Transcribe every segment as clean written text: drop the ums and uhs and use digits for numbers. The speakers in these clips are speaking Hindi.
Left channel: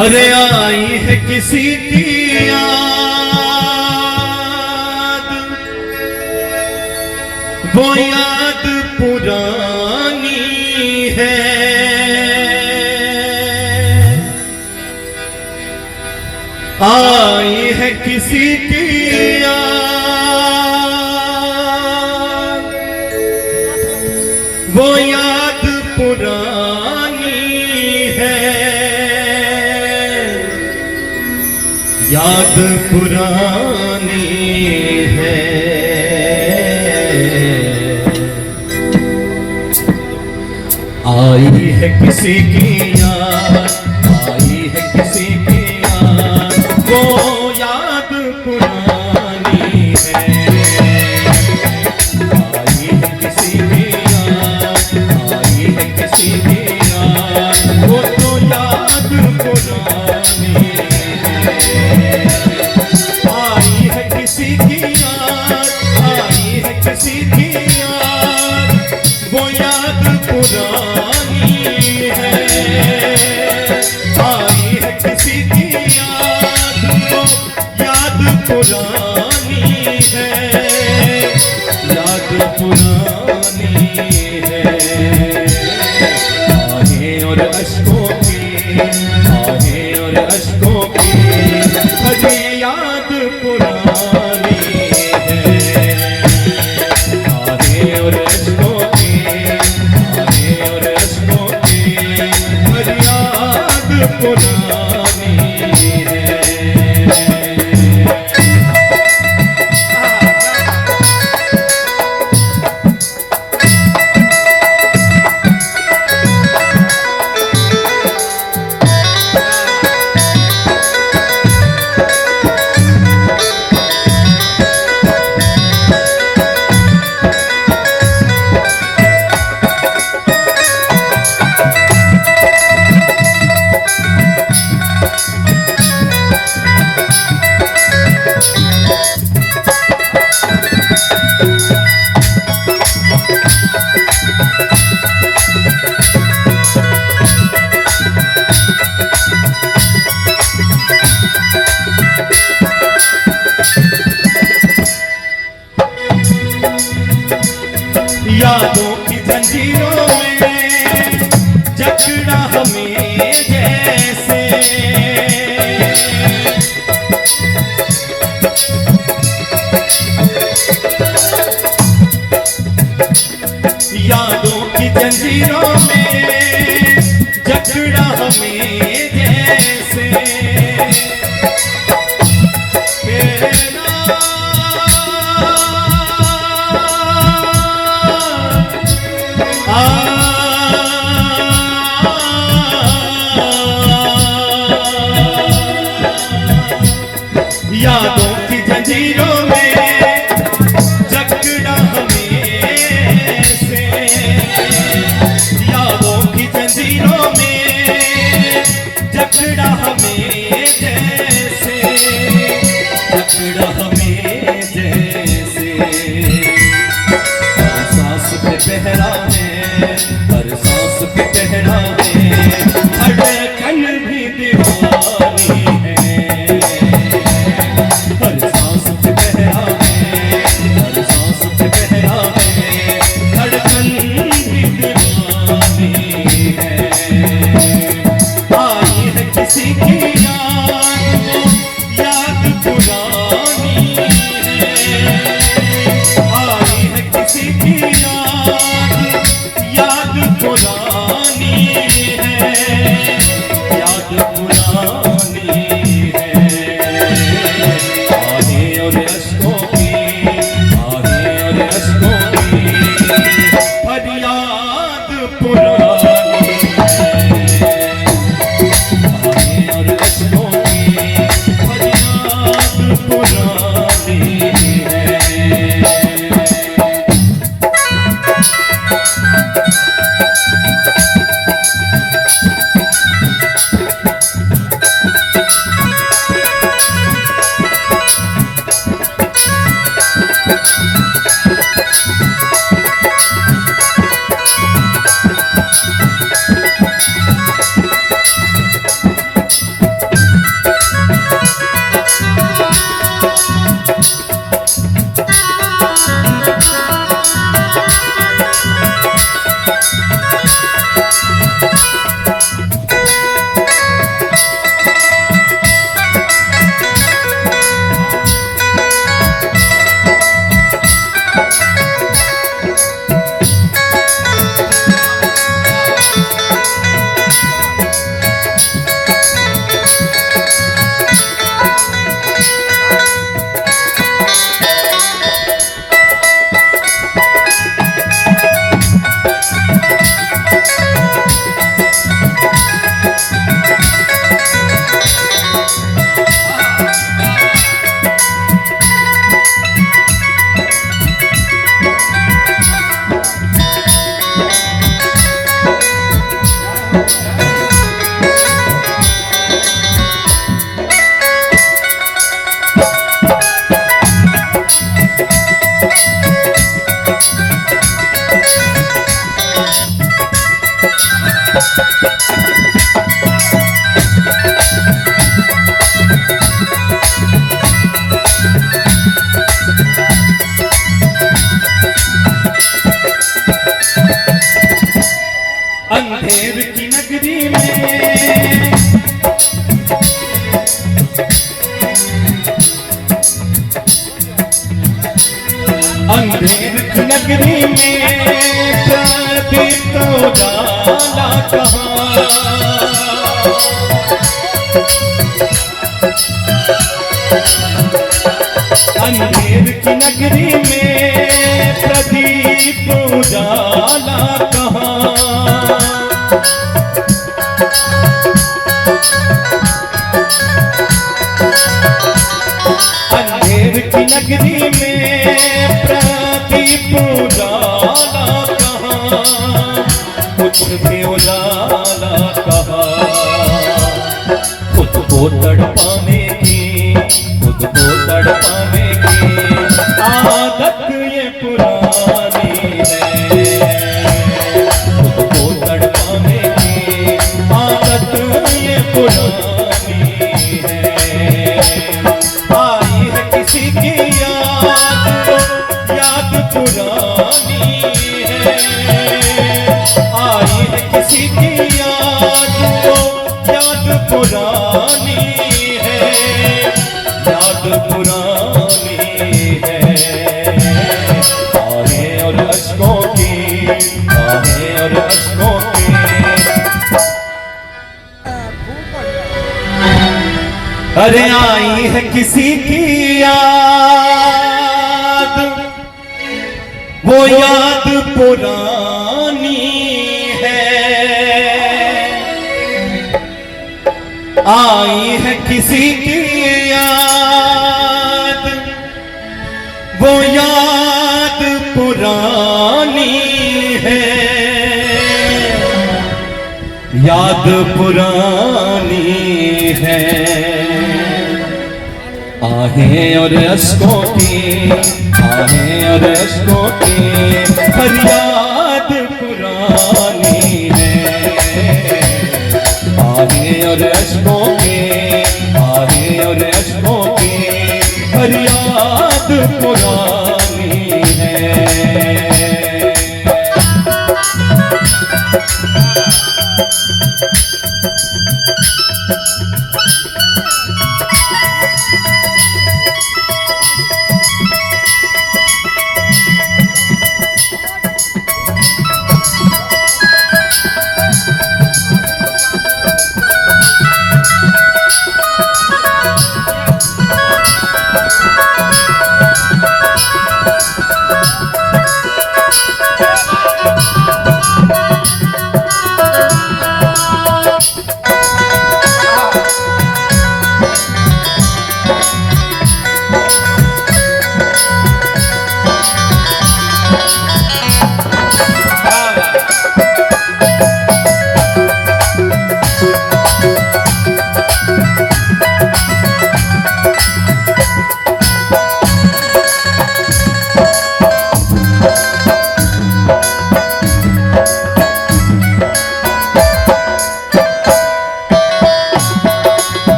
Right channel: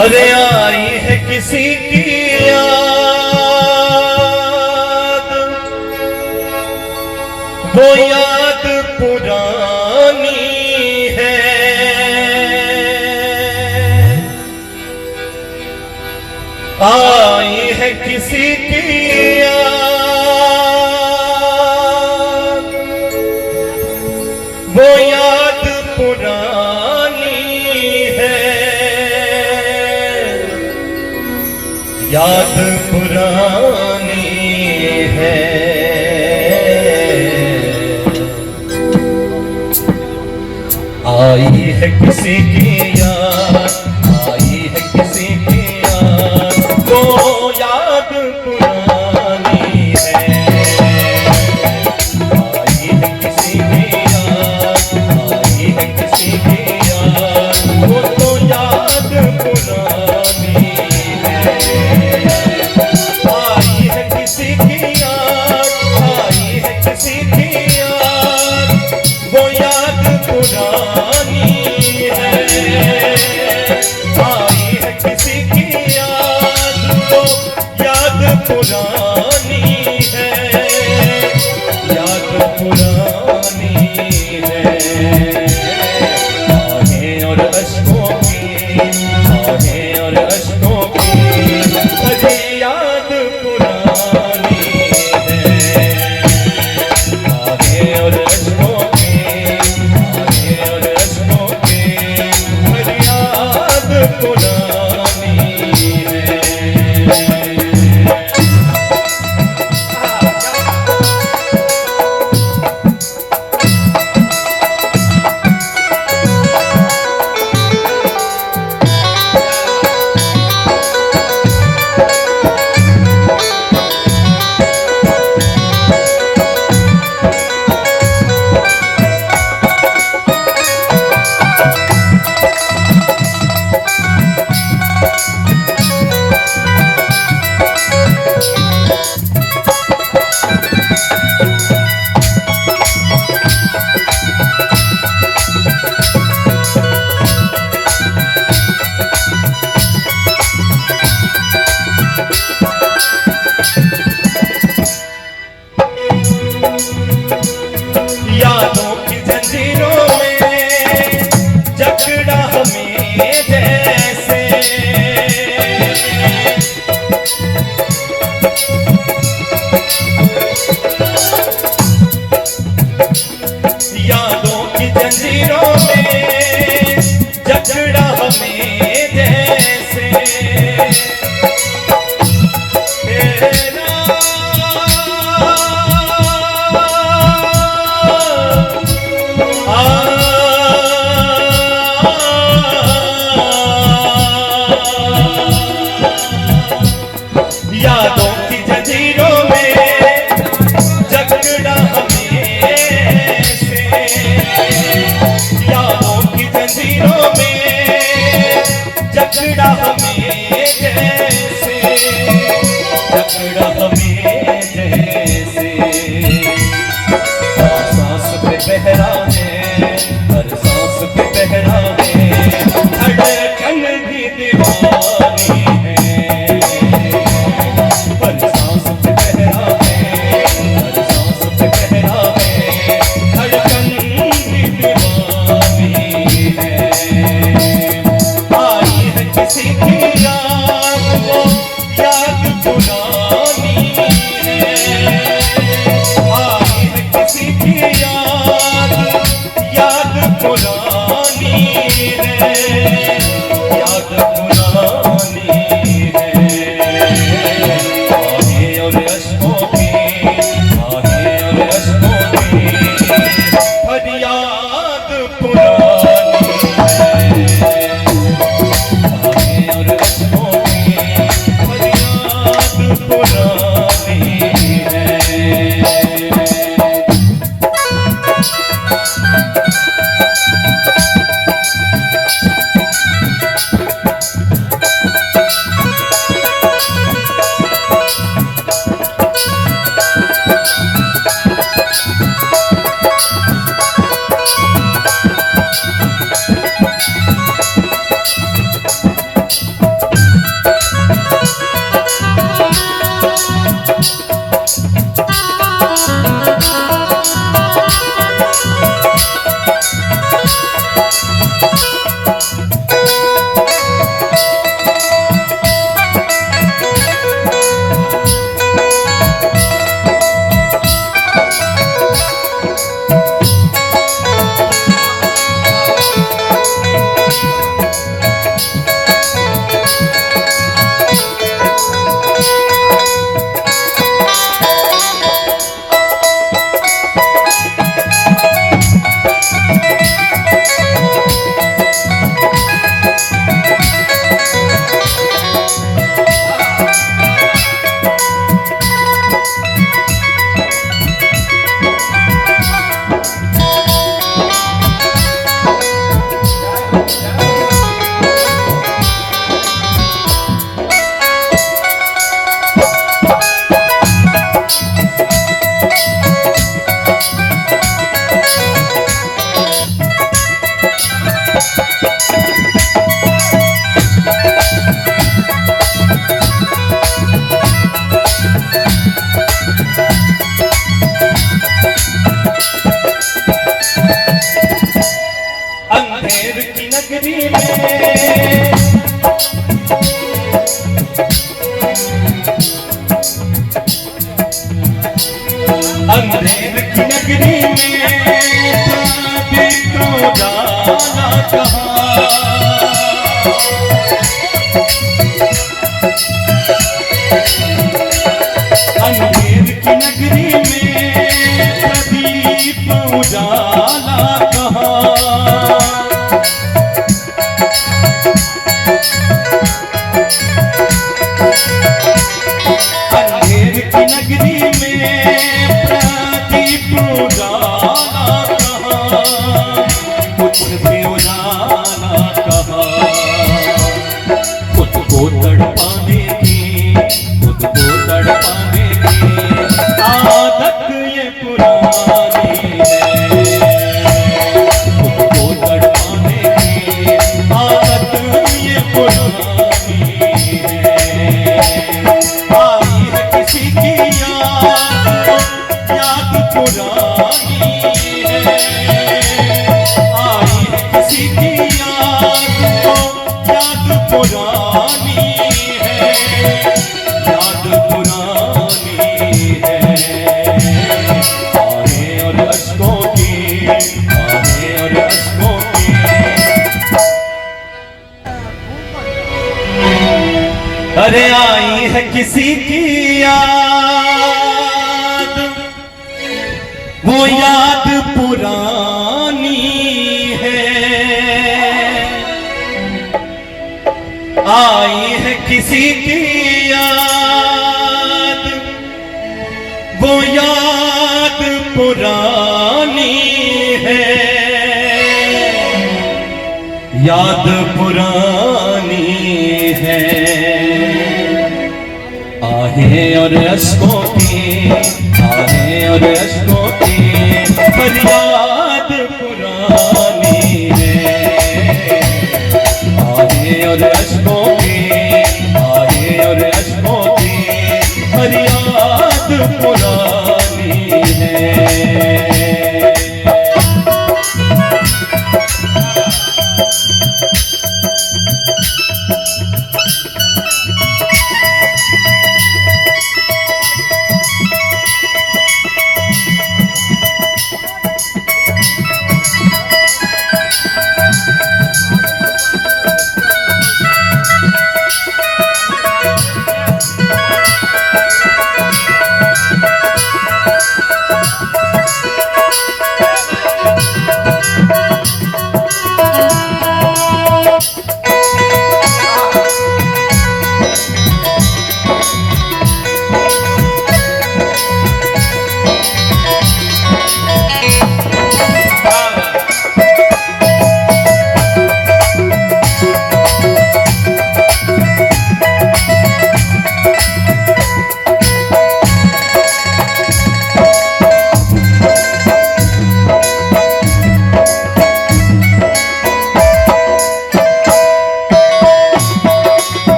अरे आई है किसी की याद, वो याद पुरानी है। आई है किसी की याद, वो याद पुरानी है। याद पुरानी है। आई है किसी की याद, आई है किसी की याद, वो याद पुरानी है। आई है किसी की याद, आई है किसी की याद, वो तो याद पुरानी है। आई है किसी की याद, आई है किसी की याद, वो याद पुरानी है। आई है किसी की याद, वो याद पुरानी है। याद पुरानी है। आहें और अश्कों की, आहें और अश्कों की भरी याद पुरानी है। आहें और अश्कों की, आहें और अश्कों की भरी याद पुरानी है। यादों की जंजीरों में जकड़ा हमें जैसे, यादों की जंजीरों में जकड़ा हमें जैसे। यादों की जंजीरों में जकड़ा हमें से। यादों की जंजीरों में जकड़ा हमें जैसे, जकड़ा हमें जैसे। सांस पे पहरा है, हर सांस पे पहरा है, धड़कन भी दीवानी है। हर सांस पे पहरा है, हर सांस पे पहरा है, धड़कन भी दीवानी है। आई है किसी की याद, वो याद पुरानी है। आई है किसी की याद, याद पुरानी है। याद पुरानी है। आहें और अश्कों की, आहें और अश्कों की भरी याद पुरानी है। आहें और अश्कों की भरी याद पुरानी अंधेर की नगरी में प्रदीप तो जाला कहाँ। अंधेर की नगरी में प्रदीप तो जाला कहाँ। अंधेर की नगरी में प्रदीप उजाला कहाँ। कुछ भी उजाला कहाँ। खुद को तड़पाने की, खुद को तड़पाने की आदत ये पुरानी है। खुद को तड़पाने की आदत ये पुरानी है। आई है किसी की याद, याद पुरानी है। आई है किसी की याद, याद पुरानी है। याद पुरानी है। आहें और अश्कों की, आहें और अश्कों की। अरे आई है किसी की याद, वो याद पुरानी है। आई है किसी की याद, वो याद पुरानी है। याद पुरानी है। आहें और अश्कों की, आहें और अश्कों की फरियाद पुरानी है। आहें और अश्कों की, आहें और अश्कों की फरियाद पुरानी है।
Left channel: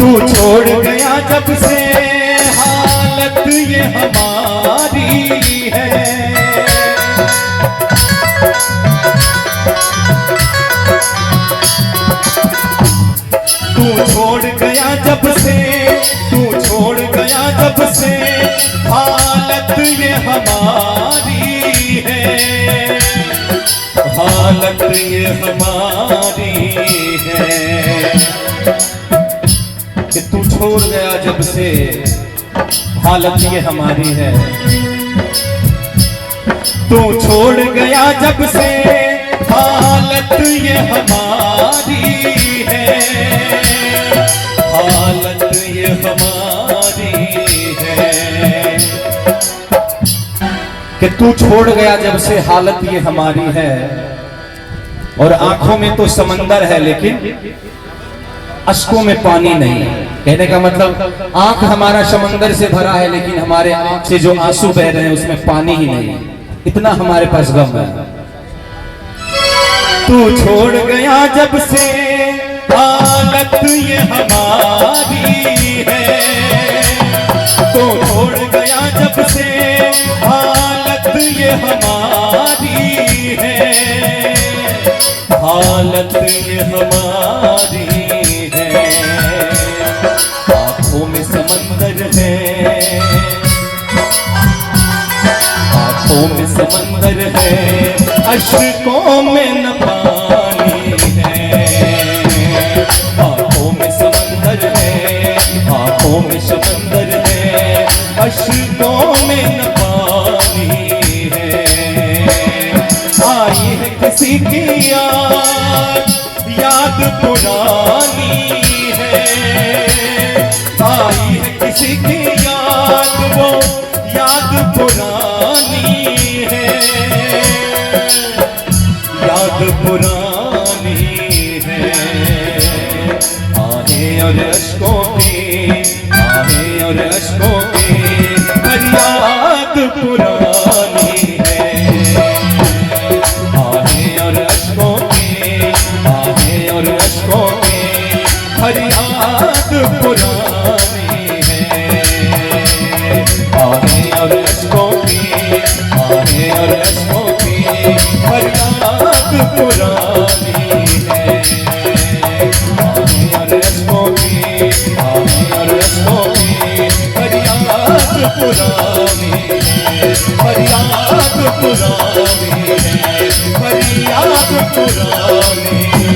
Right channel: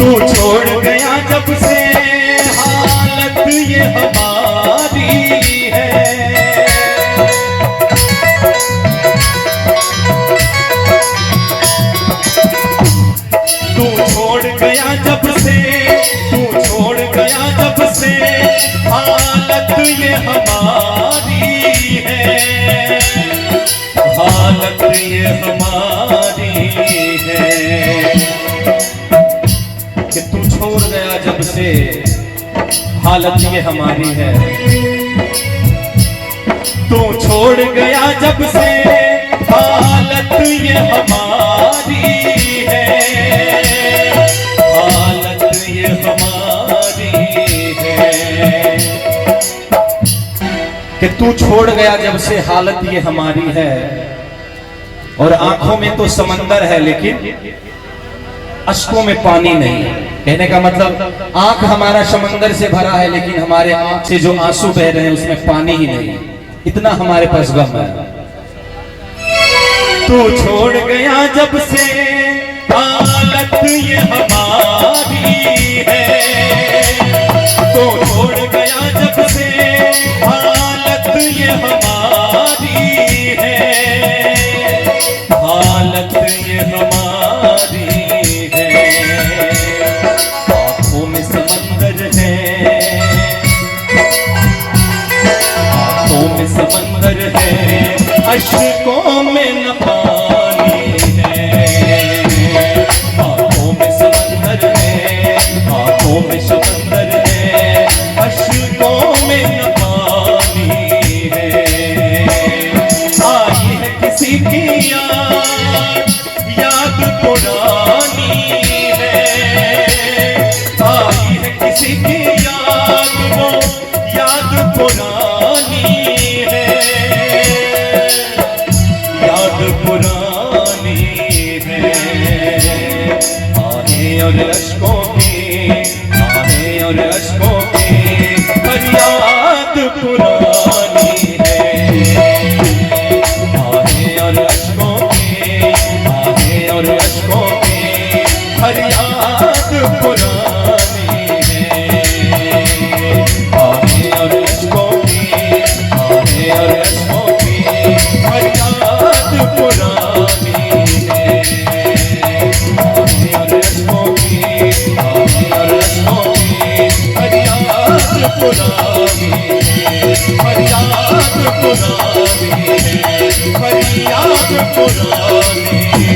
तू छोड़ गया जब से हालत ये हमारी है। तू छोड़ गया जब से, तू छोड़ गया जब से हालत ये हमारी है। हालत ये हमारी है कि तू छोड़ गया जब से हालत ये हमारी है। तू छोड़ गया जब से हालत ये हमारी है। तू छोड़ गया जब से हालत ये हमारी है, और आंखों में तो समंदर है लेकिन अश्कों में पानी नहीं। कहने का मतलब आंख हमारा समंदर से भरा है लेकिन हमारे आंख से जो आंसू बह रहे हैं उसमें पानी ही नहीं। इतना हमारे पास गम है। तू छोड़ गया जब से हालत ये हमारी है, तू छोड़ गया जब से हालत ये हमारी है, हालत ये हमारी है। आंखों में समंदर है, आंखों में समंदर है, अश्कों में न पानी है। आंखों में समंदर है, आंखों में समंदर है, अश्कों में न पानी है। आई है किसी की याद पुरानी है, आई है किसी की याद, वो याद पुरानी है, याद पुरानी है। आहें और अश्कों की, आहें और अश्कों की फरियाद पुरानी है। आहें और अश्कों की, आहें और अश्कों की फरियाद पुरानी है। आहें और अश्कों की, आहें और अश्कों की फरियाद पुरानी है। आहें और अश्कों की, आहें और अश्कों की फरियाद पुरानी है, फरियाद पुरानी है, फरियाद पुरानी है।